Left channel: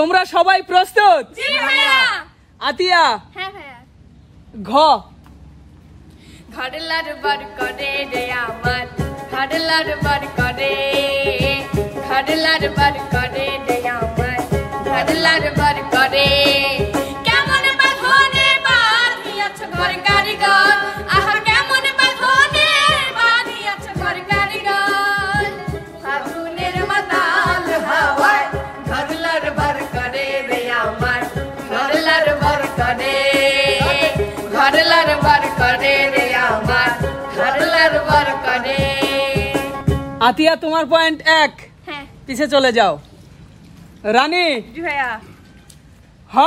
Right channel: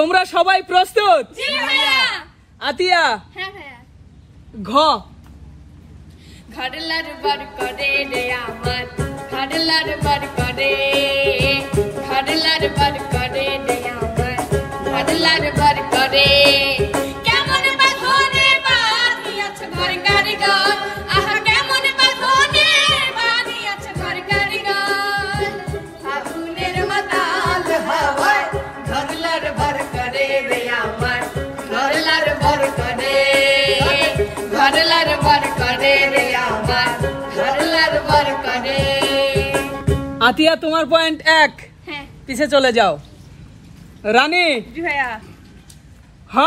তোমরা সবাই প্রস্তুত? জি ভাইয়া। আতিয়া? হ্যাঁ ভাইয়া। ঘ। ঘাড়লার বার করে রে আমার, ঘাড়লার বার করে, ঘাড়লার বার করে রে আমার, ঘাড়লার বার করে। কেমন বাঁধনে বাঁধিয়াছে ঘর কারিগর, আহা কেমন বাঁধনে বাঁধিয়াছে ঘর কারিগর। ফাগুনের মাতাল হাওয়ায় ঘাড়লার বার করে রে আমার, ঘাড়লার বার করে, ঘাড়লার বার করে রে আমার, ঘাড়লার বার করে। আতিয়া তোমার পয়েন্ট 1। হ্যাঁ পিছে চলে যাও। রানী? জি ভাইয়া। হ।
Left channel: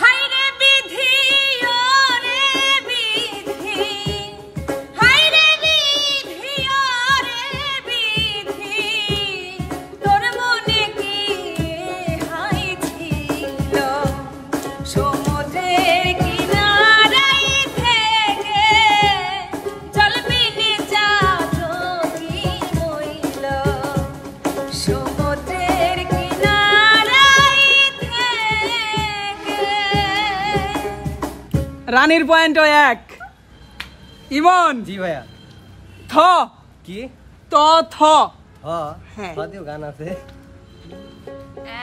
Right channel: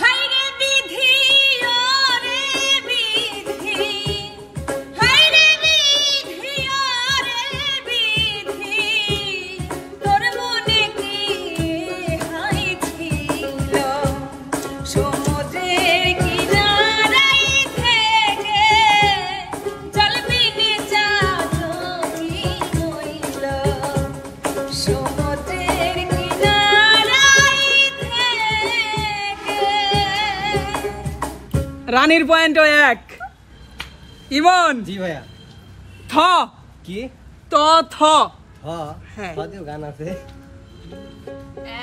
হায় রে বিধি ও রে বিধি, হায় রে বিধি ও রে বিধি, তোর মনে কি হাই ছিল সমুদ্রের কিনারায় থেকে জল বিনে চাঁদনি মইল, সমুদ্রের কিনারায় থেকে। রানীর পয়েন্ট 1। ইমন? জি ভাইয়া। থ। কি? ত থ। হ্যাঁ হ্যাঁ। হ্যাঁ গান আছে।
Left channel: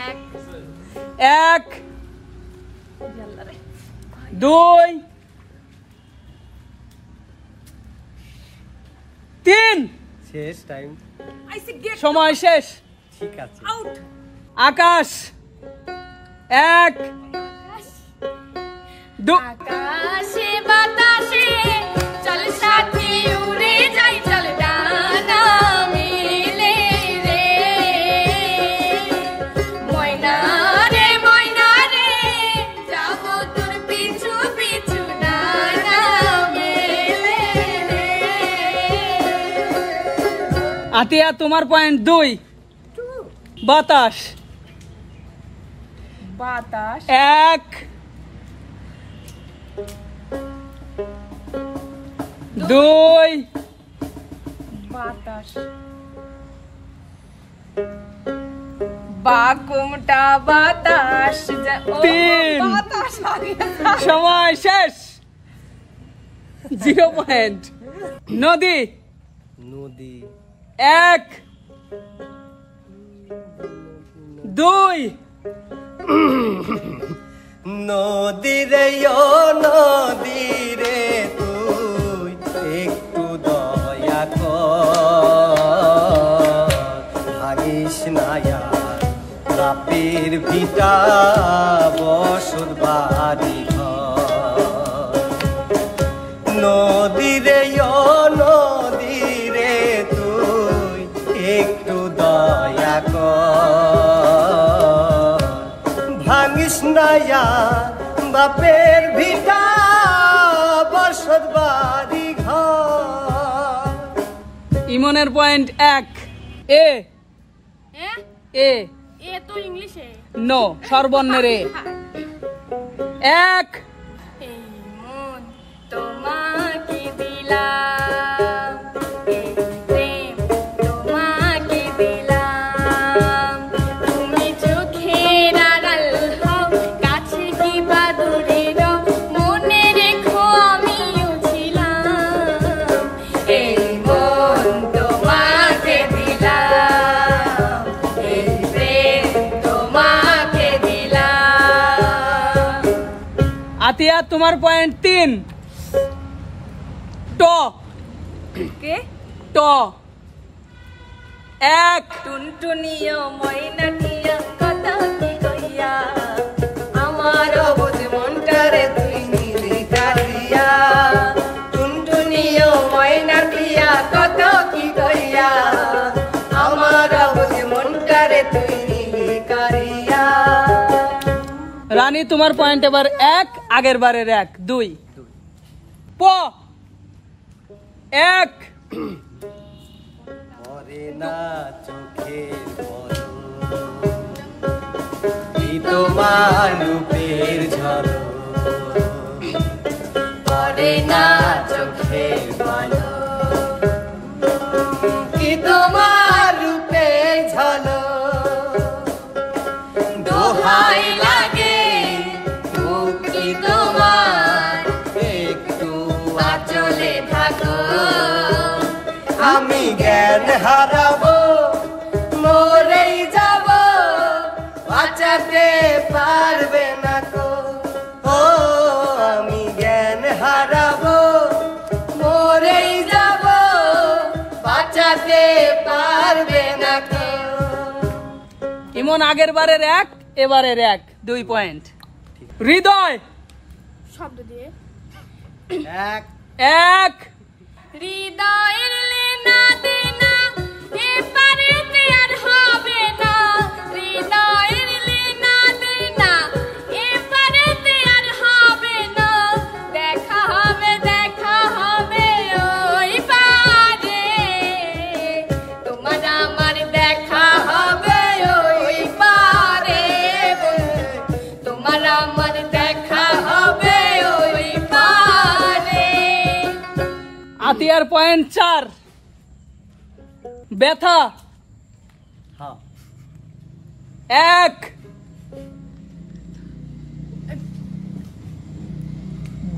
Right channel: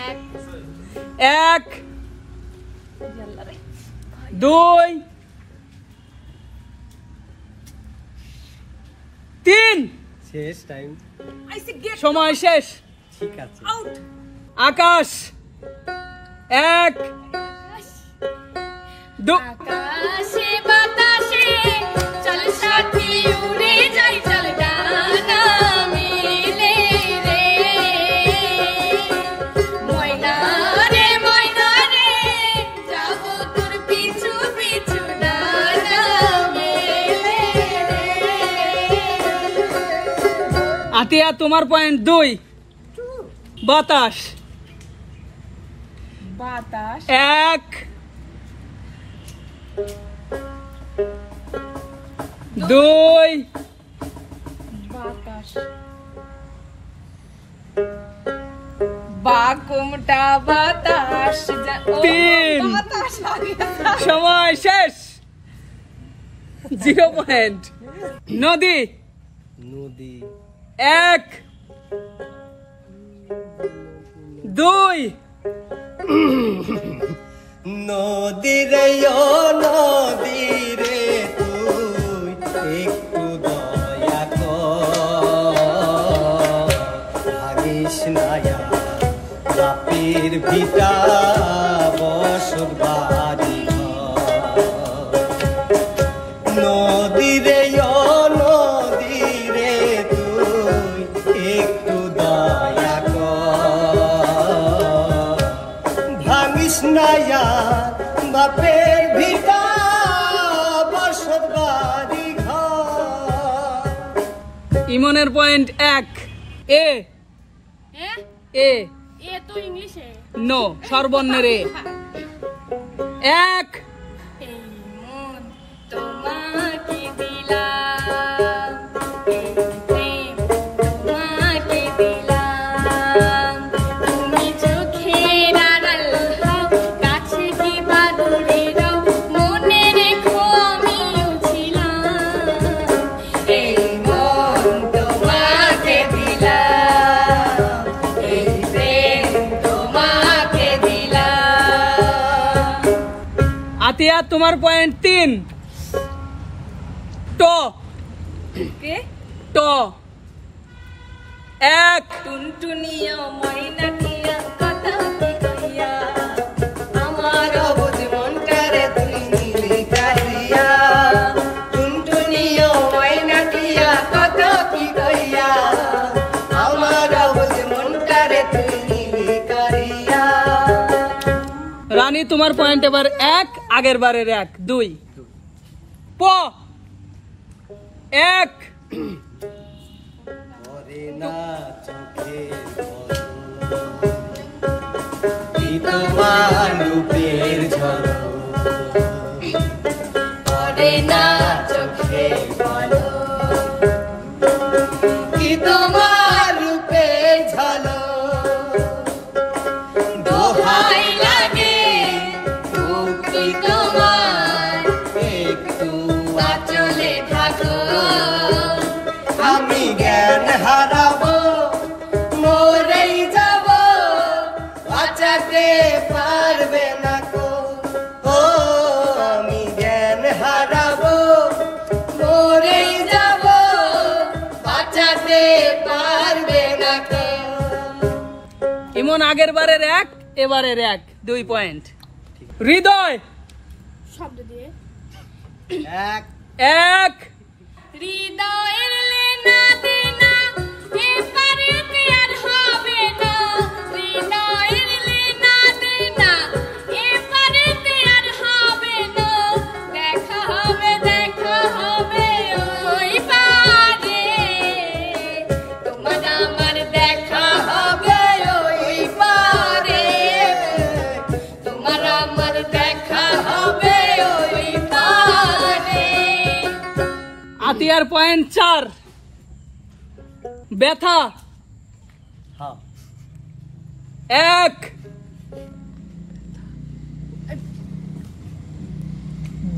এক 1 2 3। শেষ টাইম। সময় শেষ। ঠিক আছে। আউট। আকাশ? 1 2। আকাশে বাতাসে চল সাথী উড়ে যাই, চল ডানা মেলে রে, ময়না রে ময়না রে, যাবো তোর পিছু পিছু ডানা মেলে রে। আতিয়া তোমার পয়েন্ট 2। বাতাস? বাতাস 1 2 বাতাস, বাকুমটা বাতাস, 3। বাতাস সময় শেষ। 0 পয়েন্ট। নদী? নদী 1 2 নদী রে ও নদী রে তুই একটু দয়া কর, ভাগিস না আর বাপের ভিটা বসত বাড়ি ঘর। নদী রে ও নদী রে তুই একটু দয়া কর, ভাঙিস না আর বাপের ভিটা বসত বাড়ি ঘর। ইমনের পয়েন্ট 1। এ? এ এ তো ইংলিশে। নো, স্বরবর্ণের এ। 1 মন তোমাকে দিলাম, এই প্রেম তোমাকে দিলাম, তুমি চোখের আড়াল হও, কাছে কি বা দূরে রও, মনে রেখো আমিও ছিলাম। এই মন তোমাকে দিলাম, এই প্রেম তোমাকে দিলাম। আতিয়া তোমার পয়েন্ট 3। ট। কে? ট 1 টুনটুনিয়া ময়নাটিয়া কথা কি কইয়া, আমার অবুঝ মনটারে তুই নিলি কাটিয়া। টুনটুনিয়া ময়নাটিয়া কথা কি কইয়া, আমার অবুঝ মনটারে তুই নিলি কাটিয়া। রানী তোমার পয়েন্ট এবার 1, আগের বারের 1 2। প 1 পরে না চোখে কি তোমার রূপের ঝড়, পরে না চোখে বলো কি তোমার জ্ঞান হারাবো মরেই যাব বাঁচাতে পারবে না কো ও আমি জ্ঞান হারাবো মরেই যাব বাঁচাতে পারবে না কো ইমন আগের বারের 1 এবারের 1 2 পয়েন্ট হৃদয় শব্দ দিয়ে 1 1 হৃদয়ের লেনা দেনা এপারেতে আর হবে না হৃদয়ের লেনা দেনা এপারেতে আর হবে না দেখা হবে ওই পারে তোমার আমার দেখা হবে ওই পারে তোমার আমার দেখা হবে ওই পারে আতিয়ার পয়েন্ট 4 ব্যথা হ্যাঁ 1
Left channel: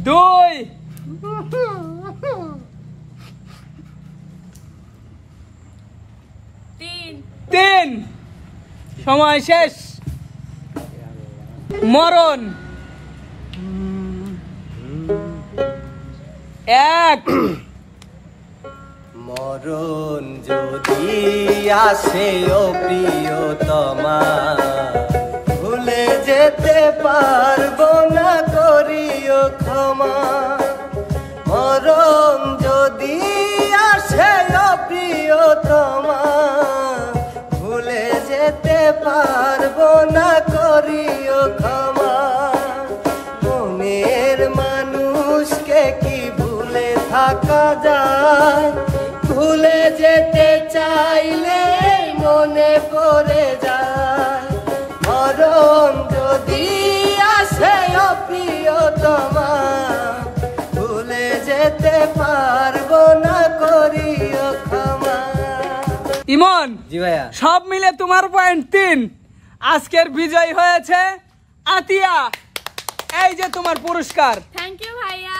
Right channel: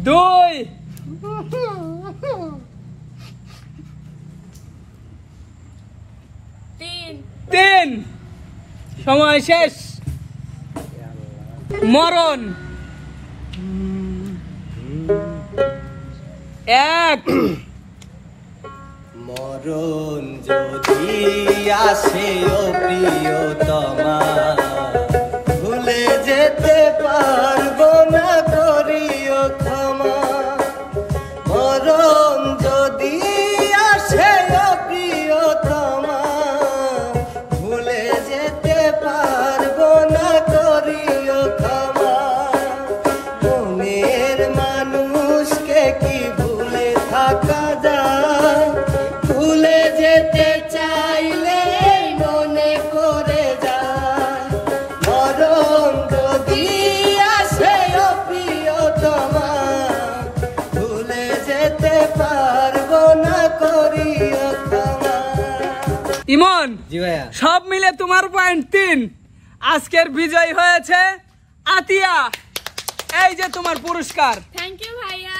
2 3 সময় শেষ মরণ 1 মরণ যদি আসে ও প্রিয়তমা ভুলে যেতে পারবো না করিও ক্ষমা মরণ যদি আসে ও প্রিয়তমা ভুলে যেতে পারবো না করিও ক্ষমা মনের মানুষকে কি ভুলে থাকা যায় ভুলে যেতে চাইলে মনে পড়ে যায় মরণ যদি আসে ও প্রিয়তমা ভুলে যেতে পারবো না করিও ক্ষমা ইমন জি ভাইয়া সব মিলে তোমার পয়েন্ট 3 আজকের বিজয় হয়েছে আতিয়া এই যে তোমার পুরস্কার থ্যাংক ইউ ভাইয়া